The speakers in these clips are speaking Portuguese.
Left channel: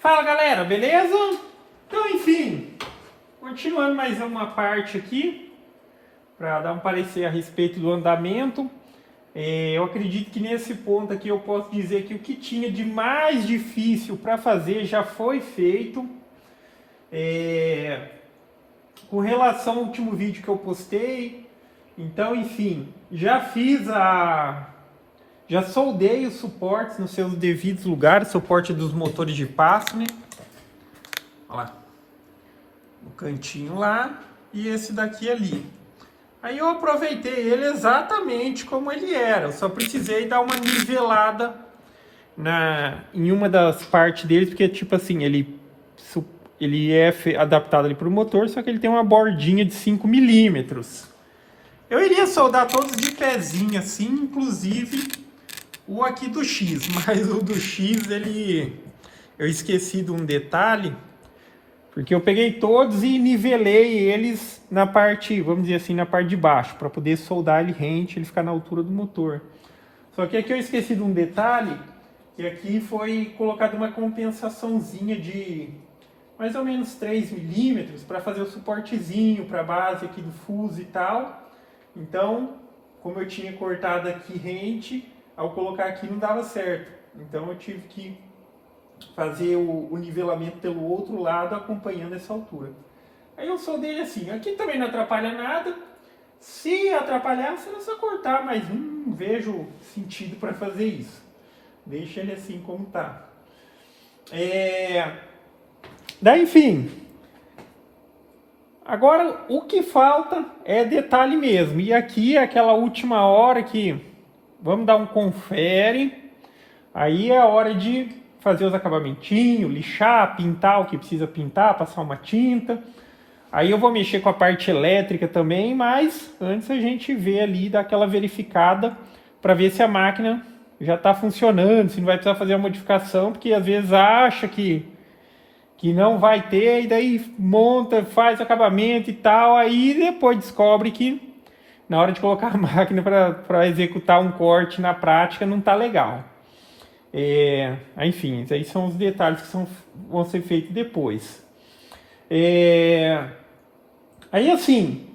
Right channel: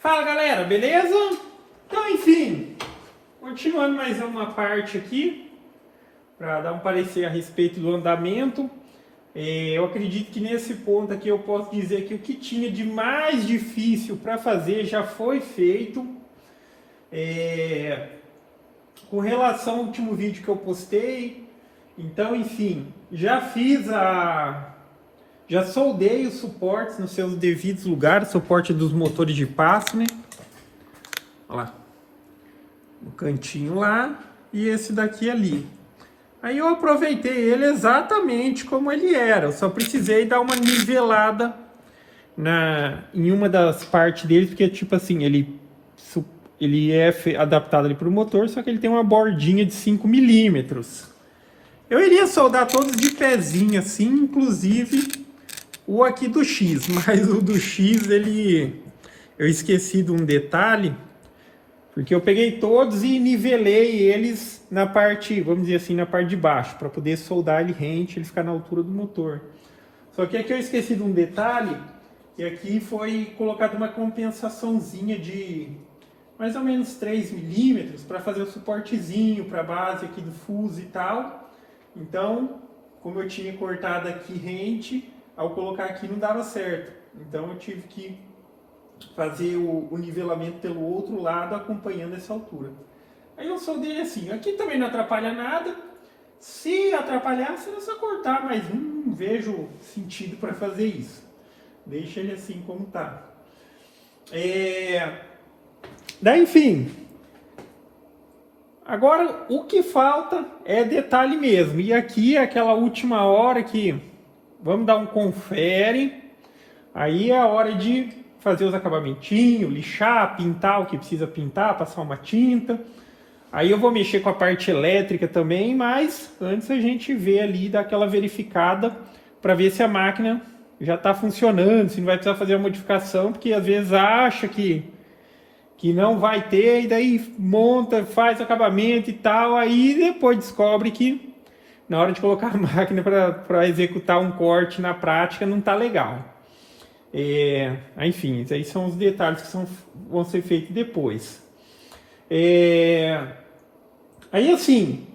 Fala galera, beleza? Então enfim, continuando mais uma parte aqui, para dar um parecer a respeito do andamento. Eu acredito que nesse ponto aqui eu posso dizer que o que tinha de mais difícil para fazer já foi feito. Com relação ao último vídeo que eu postei, então enfim, já soldei os suportes nos seus devidos lugares, suporte dos motores de passo, né? Olha lá, no cantinho lá e esse daqui ali. Aí eu aproveitei ele exatamente como ele era, eu só precisei dar uma nivelada em uma das partes dele, porque tipo assim, ele é adaptado ali para o motor, só que ele tem uma bordinha de 5 milímetros. Eu iria soldar todos de pezinho assim, inclusive o aqui do X, mas o do X eu esqueci de um detalhe, porque eu peguei todos e nivelei eles na parte, vamos dizer assim, na parte de baixo, para poder soldar ele rente, ele ficar na altura do motor. Só que aqui eu esqueci de um detalhe, que aqui foi colocada uma compensaçãozinha de mais ou menos 3 milímetros para fazer o suportezinho para a base aqui do fuso e tal. Então, como eu tinha cortado aqui rente, ao colocar aqui não dava certo. Então eu tive que fazer o nivelamento pelo outro lado, acompanhando essa altura. Aí eu soldei assim. Aqui também não atrapalha nada. Se atrapalhar, será só cortar, mas não vejo sentido para fazer isso. Deixa ele assim como tá. Daí, enfim. Agora, o que falta é detalhe mesmo. E aqui é aquela última hora que vamos dar um confere. Aí é a hora de fazer os acabamentinhos, lixar, pintar o que precisa pintar, passar uma tinta. Aí eu vou mexer com a parte elétrica também, mas antes a gente vê ali, dar aquela verificada para ver se a máquina já está funcionando, se não vai precisar fazer a modificação, porque às vezes acha que não vai ter, e daí monta, faz acabamento e tal, aí depois descobre que na hora de colocar a máquina para executar um corte na prática não está legal. Enfim, esses aí são os detalhes que vão ser feitos depois. Aí assim,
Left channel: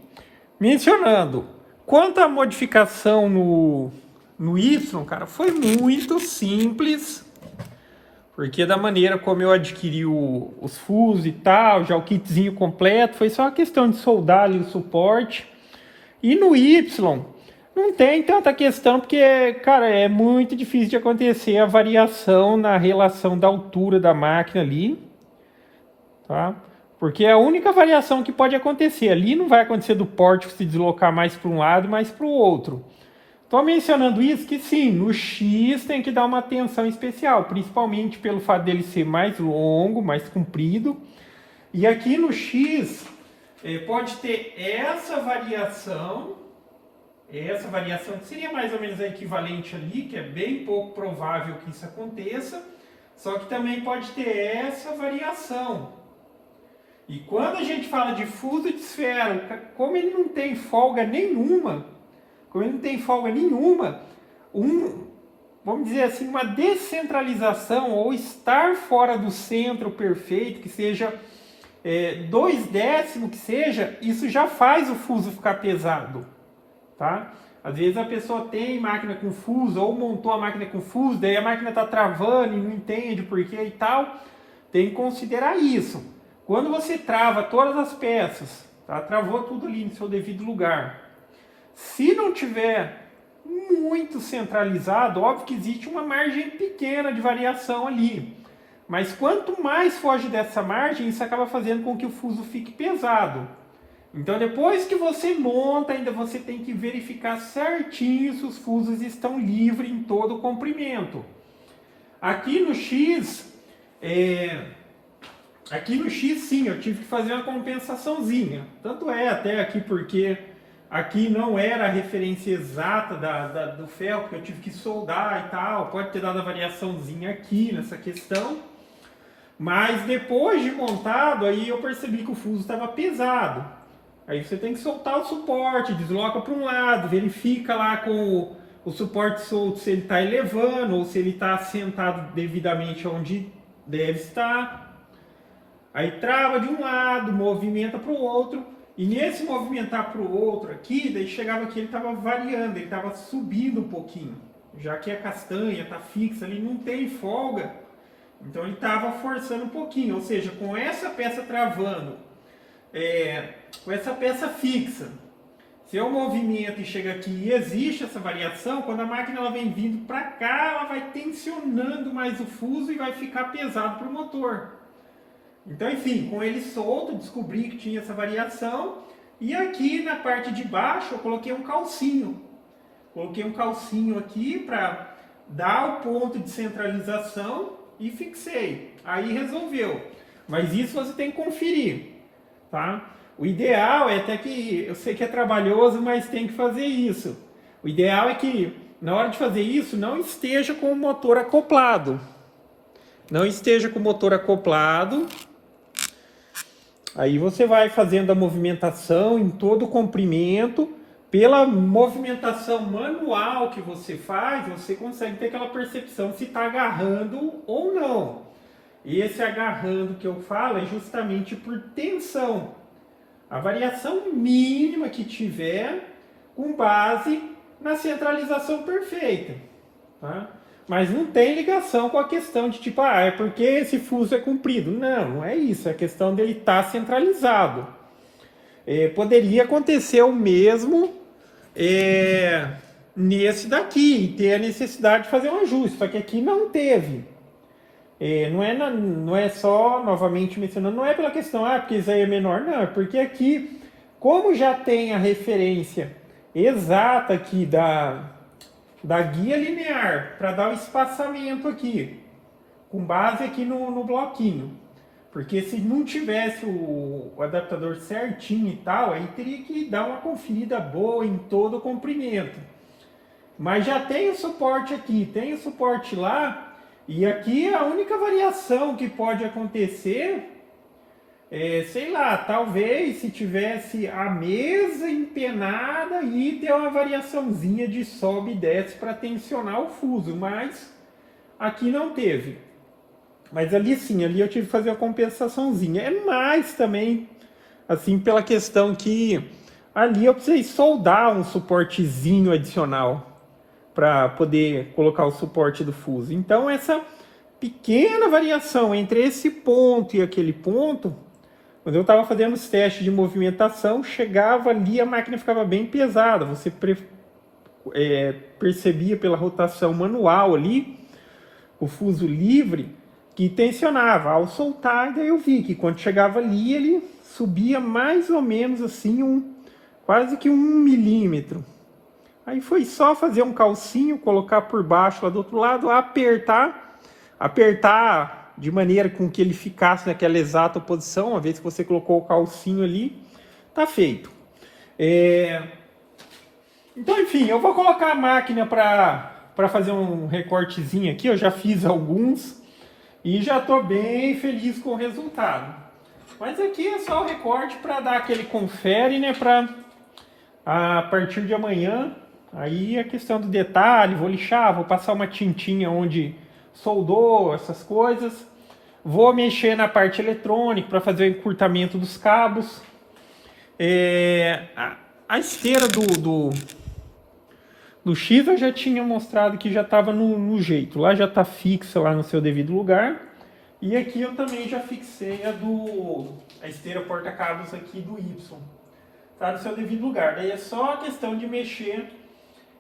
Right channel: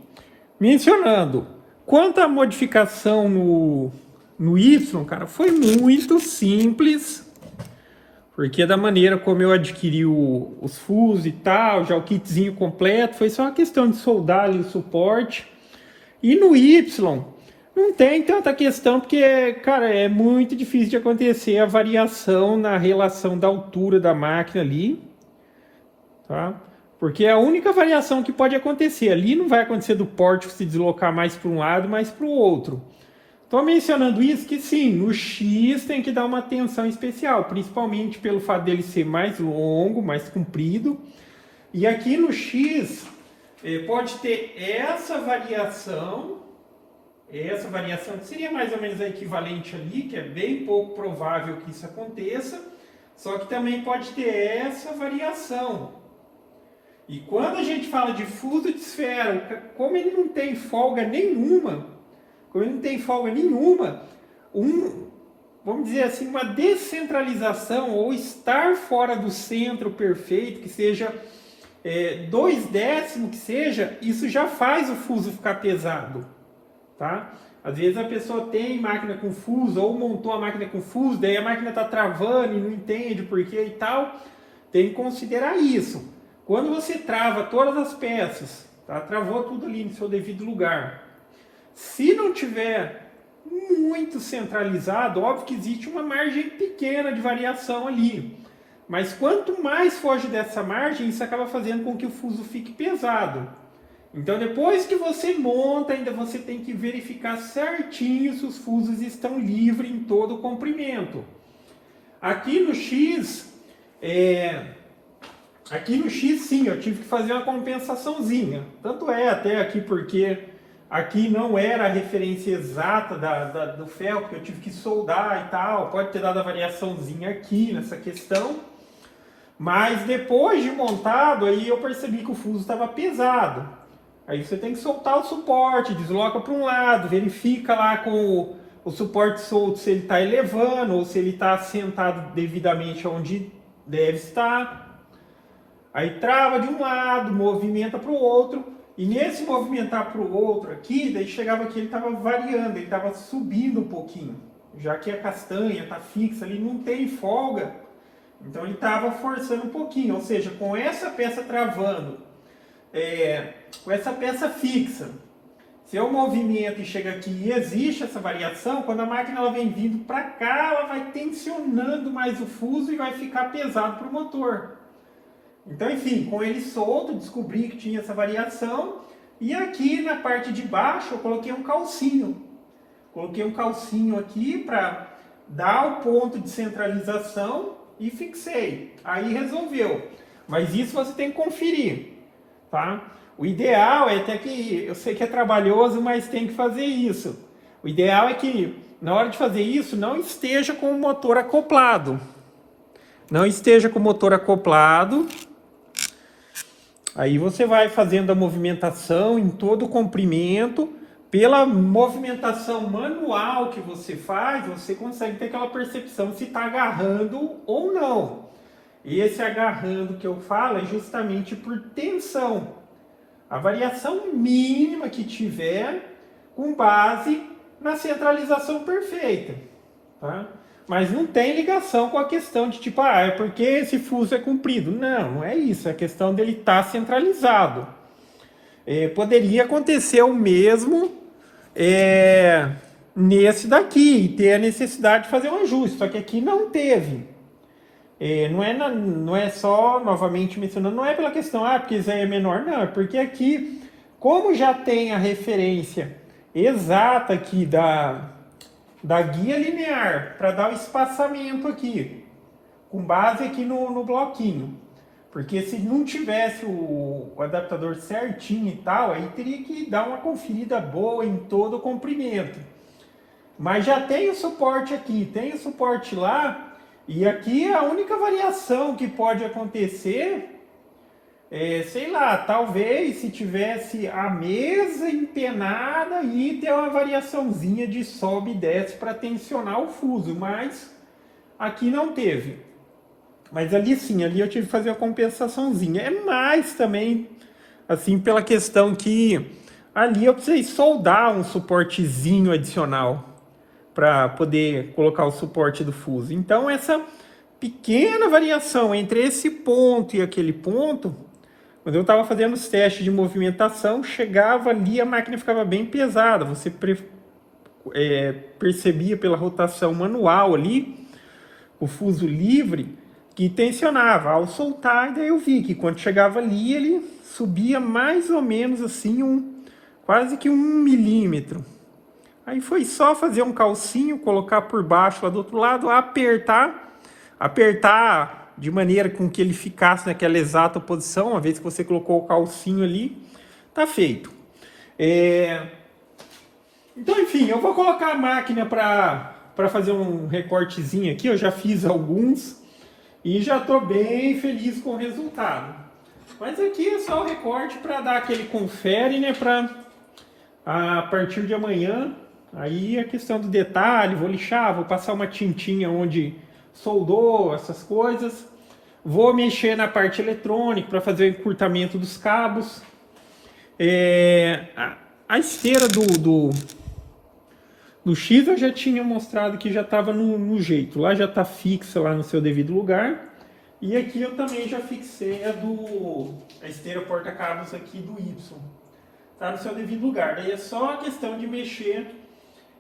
mencionando, quanto à modificação no Y, cara, foi muito simples. Porque da maneira como eu adquiri os fusos e tal, já o kitzinho completo, foi só uma questão de soldar ali o suporte. E no Y, não tem tanta questão, porque, cara, é muito difícil de acontecer a variação na relação da altura da máquina ali, tá? Porque é a única variação que pode acontecer. Ali não vai acontecer do porte se deslocar mais para um lado, mais para o outro. Estou mencionando isso que sim, no X tem que dar uma atenção especial, principalmente pelo fato dele ser mais longo, mais comprido. E aqui no X pode ter essa variação que seria mais ou menos a equivalente ali, que é bem pouco provável que isso aconteça, só que também pode ter essa variação. E quando a gente fala de fuso de esfera, como ele não tem folga nenhuma, vamos dizer assim, uma descentralização ou estar fora do centro perfeito, que seja 2/10 que seja, isso já faz o fuso ficar pesado, tá? Às vezes a pessoa tem máquina com fuso ou montou a máquina com fuso, daí a máquina está travando e não entende por que e tal, tem que considerar isso. Quando você trava todas as peças, tá? Travou tudo ali no seu devido lugar. Se não tiver muito centralizado, óbvio que existe uma margem pequena de variação ali. Mas quanto mais foge dessa margem, isso acaba fazendo com que o fuso fique pesado. Então depois que você monta, ainda você tem que verificar certinho se os fusos estão livres em todo o comprimento. Aqui no X, sim, eu tive que fazer uma compensaçãozinha. Tanto é até aqui porque aqui não era a referência exata do ferro, porque eu tive que soldar e tal. Pode ter dado a variaçãozinha aqui nessa questão. Mas depois de montado, aí eu percebi que o fuso estava pesado. Aí você tem que soltar o suporte, desloca para um lado, verifica lá com o suporte solto se ele está elevando ou se ele está assentado devidamente onde Deve estar. Aí trava de um lado, movimenta para o outro. E nesse movimentar para o outro aqui, daí chegava aqui, ele estava variando, ele estava subindo um pouquinho. Já que a castanha está fixa ali, não tem folga. Então ele estava forçando um pouquinho. Ou seja, com essa peça travando, com essa peça fixa, se eu movimento e chega aqui e existe essa variação, quando a máquina ela vem vindo para cá, ela vai tensionando mais o fuso e vai ficar pesado para o motor. Então, enfim, com ele solto, descobri que tinha essa variação. E aqui na parte de baixo eu coloquei um calcinho. Coloquei um calcinho aqui para dar o ponto de centralização e fixei. Aí resolveu. Mas isso você tem que conferir, tá? O ideal é até que, eu sei que é trabalhoso, mas tem que fazer isso. O ideal é que, na hora de fazer isso, não esteja com o motor acoplado. Não esteja com o motor acoplado. Aí você vai fazendo a movimentação em todo o comprimento. Pela movimentação manual que você faz, você consegue ter aquela percepção se está agarrando ou não. E esse agarrando que eu falo é justamente por tensão. A variação mínima que tiver com base na centralização perfeita, tá? Mas não tem ligação com a questão de tipo, é porque esse fuso é comprido. Não, não é isso. É a questão dele estar centralizado. Poderia acontecer o mesmo nesse daqui, e ter a necessidade de fazer um ajuste. Só que aqui não teve. Não é só, novamente mencionando, não é pela questão, porque isso aí é menor, não, é porque aqui, como já tem a referência exata aqui da guia linear, para dar o espaçamento aqui, com base aqui no bloquinho, porque se não tivesse o adaptador certinho e tal, aí teria que dar uma conferida boa em todo o comprimento. Mas já tem o suporte aqui, tem o suporte lá. E aqui a única variação que pode acontecer sei lá, talvez se tivesse a mesa empenada e ter uma variaçãozinha de sobe e desce para tensionar o fuso, mas aqui não teve. Mas ali sim, ali eu tive que fazer a compensaçãozinha. É mais também, assim, pela questão que ali eu precisei soldar um suportezinho adicional para poder colocar o suporte do fuso. Então essa pequena variação entre esse ponto e aquele ponto, quando eu estava fazendo os testes de movimentação, chegava ali, a máquina ficava bem pesada. Você percebia pela rotação manual ali, o fuso livre, que tensionava. Ao soltar, daí eu vi que quando chegava ali, ele subia mais ou menos assim, quase que 1 milímetro. Aí foi só fazer um calcinho, colocar por baixo lá do outro lado, apertar de maneira com que ele ficasse naquela exata posição. Uma vez que você colocou o calcinho ali, tá feito. Então, enfim, eu vou colocar a máquina para fazer um recortezinho aqui. Eu já fiz alguns e já estou bem feliz com o resultado. Mas aqui é só o recorte para dar aquele confere, né? Para a partir de amanhã, aí a questão do detalhe, vou lixar, vou passar uma tintinha onde soldou, essas coisas. Vou mexer na parte eletrônica para fazer o encurtamento dos cabos. A esteira do X eu já tinha mostrado que já estava no jeito. Lá já está fixa lá no seu devido lugar. E aqui eu também já fixei a esteira porta-cabos aqui do Y. Está no seu devido lugar. Daí é só a questão de mexer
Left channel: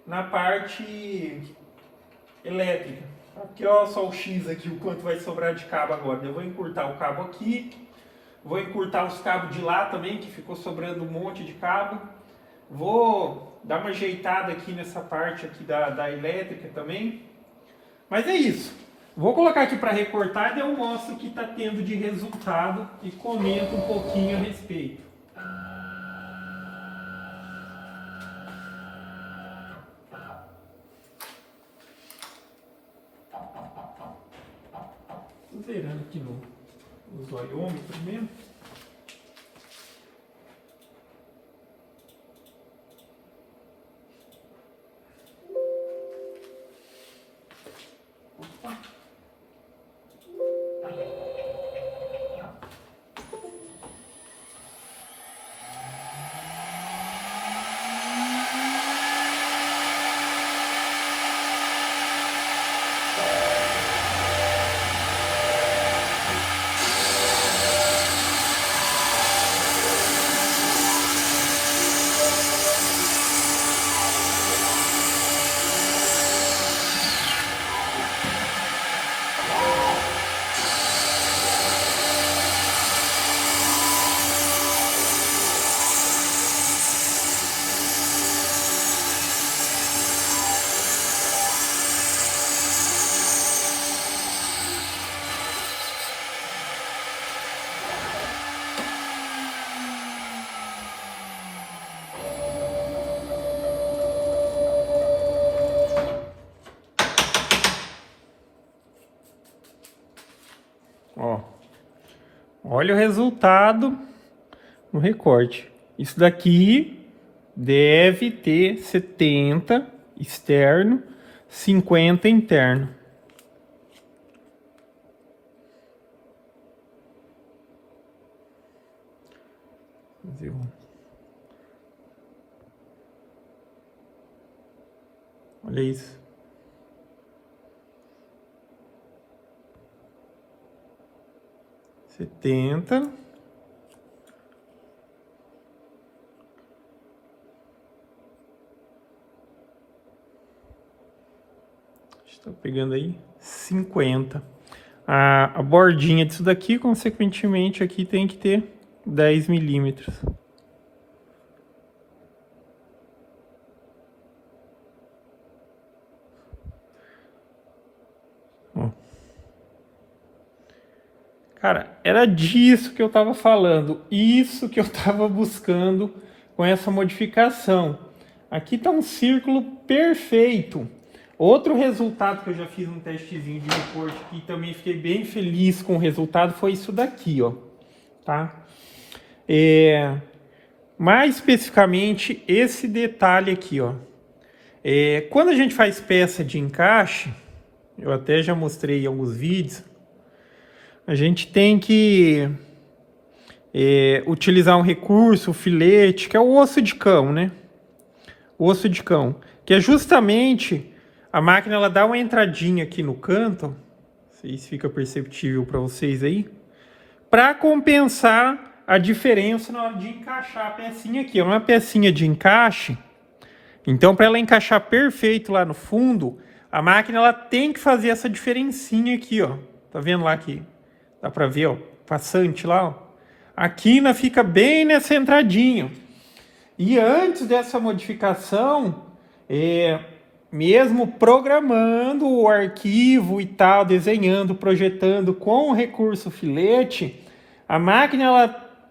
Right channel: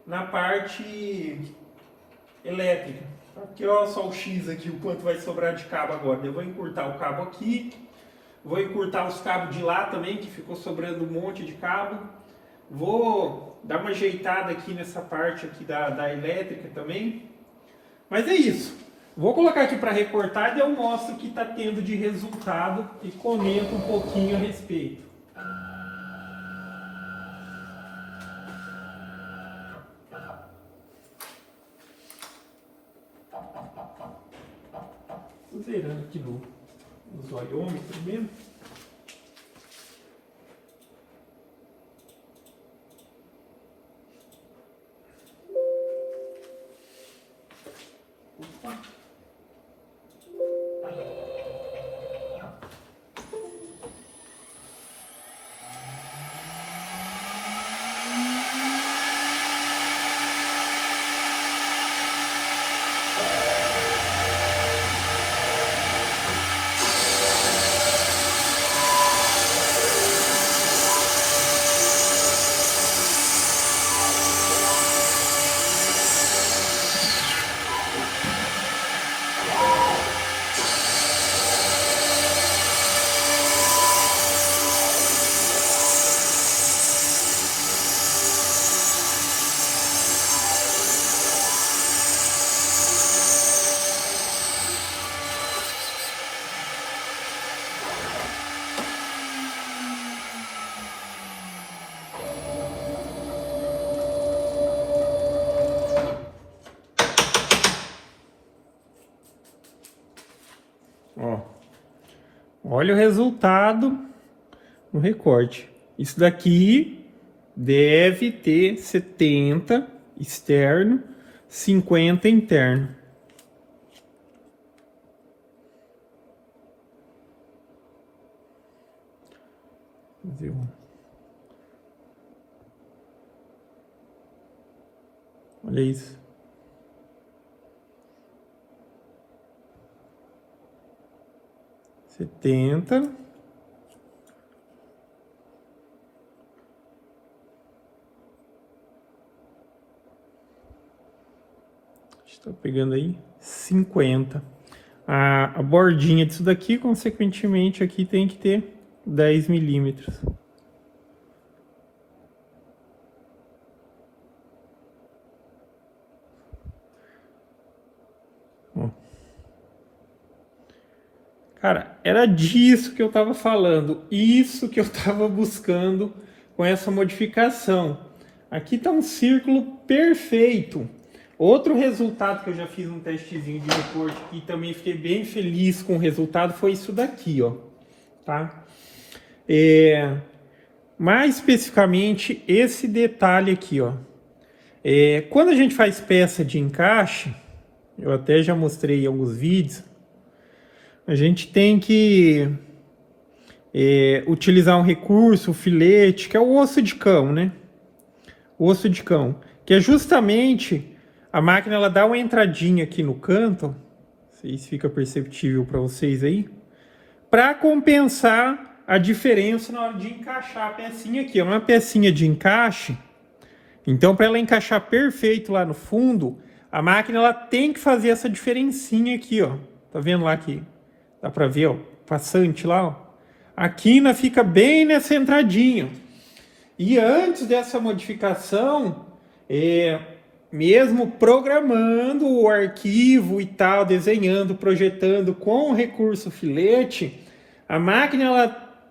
na parte elétrica. Aqui olha só o X aqui, o quanto vai sobrar de cabo agora. Eu vou encurtar o cabo aqui. Vou encurtar os cabos de lá também, que ficou sobrando um monte de cabo. Vou dar uma ajeitada aqui nessa parte aqui da elétrica também. Mas é isso. Vou colocar aqui para recortar e eu mostro o que está tendo de resultado e comento um pouquinho a respeito. Zerando aqui no zoiômetro mesmo. Opa. Ó. Olha o resultado no recorte. Isso daqui deve ter 70 externo, 50 interno. Olha isso. Setenta. Estou pegando aí 50. A bordinha disso daqui, consequentemente, aqui tem que ter 10 milímetros. Cara, era disso que eu estava falando, isso que eu estava buscando com essa modificação. Aqui está um círculo perfeito. Outro resultado que eu já fiz um testezinho de recorte e também fiquei bem feliz com o resultado foi isso daqui, ó. Tá? Mais especificamente esse detalhe aqui, ó. Quando a gente faz peça de encaixe, eu até já mostrei em alguns vídeos, a gente tem que utilizar um recurso, o filete, que é o osso de cão, né? O osso de cão, que é justamente a máquina, ela dá uma entradinha aqui no canto, não sei se fica perceptível para vocês aí, para compensar a diferença na hora de encaixar a pecinha aqui. É uma pecinha de encaixe, então para ela encaixar perfeito lá no fundo, a máquina ela tem que fazer essa diferencinha aqui, ó. Tá vendo lá que dá para ver, ó, passante lá, ó. A quina fica bem nessa entradinha. E antes dessa modificação, mesmo programando o arquivo e tal, desenhando, projetando com o recurso filete, a máquina ela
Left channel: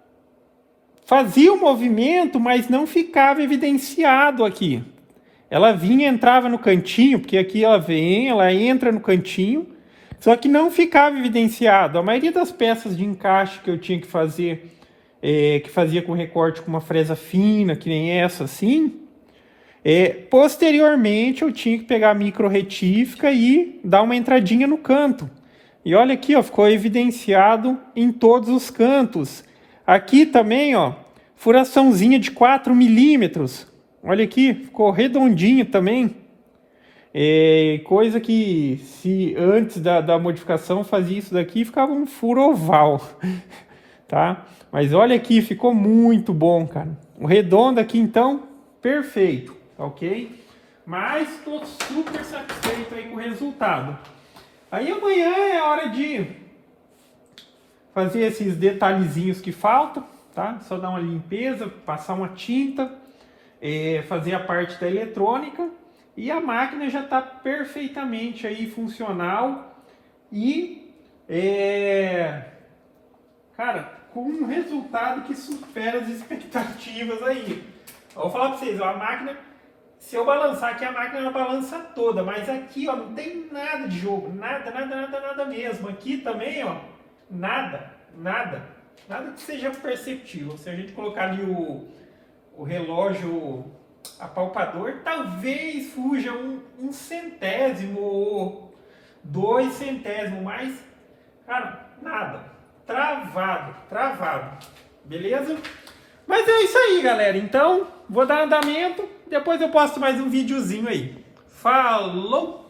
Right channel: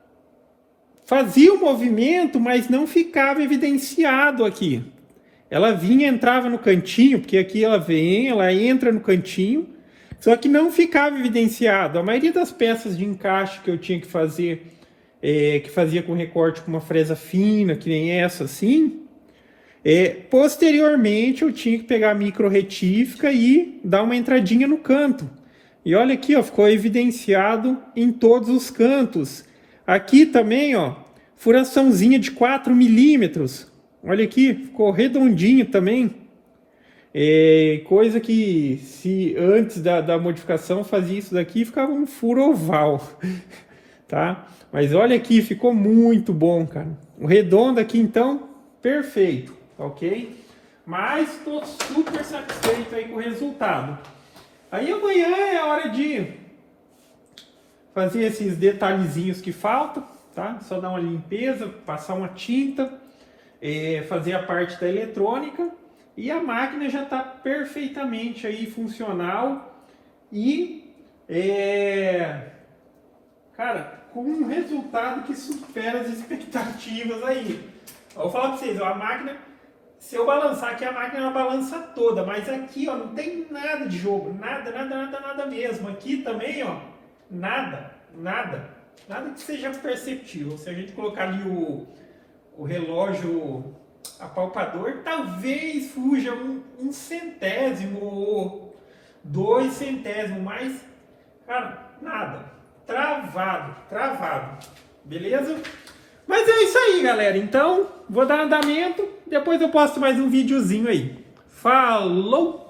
fazia o movimento, mas não ficava evidenciado aqui. Ela vinha, entrava no cantinho, porque aqui ela vem, ela entra no cantinho, só que não ficava evidenciado. A maioria das peças de encaixe que eu tinha que fazer, que fazia com recorte com uma fresa fina, que nem essa assim, posteriormente eu tinha que pegar a micro retífica e dar uma entradinha no canto. E olha aqui, ó, ficou evidenciado em todos os cantos. Aqui também, ó, furaçãozinha de 4 milímetros. Olha aqui, ficou redondinho também. Coisa que se antes da modificação fazia isso daqui, ficava um furo oval. Tá? Mas olha aqui, ficou muito bom, cara. O redondo aqui, então, perfeito, ok? Mas estou super satisfeito aí com o resultado. Aí amanhã é a hora de fazer esses detalhezinhos que faltam, tá? Só dar uma limpeza, passar uma tinta, fazer a parte da eletrônica e a máquina já está perfeitamente aí funcional e, cara, com um resultado que supera as expectativas aí. Eu vou falar para vocês, ó, a máquina, se eu balançar aqui, a máquina ela balança toda, mas aqui, ó, não tem nada de jogo, nada mesmo. Aqui também, ó, nada que seja perceptível. Se a gente colocar ali o relógio apalpador, talvez fuja um centésimo ou 2 centésimos, mas, cara, nada. Travado. Beleza? Mas é isso aí, galera. Então, vou dar andamento. Depois eu posto mais um videozinho aí. Falou!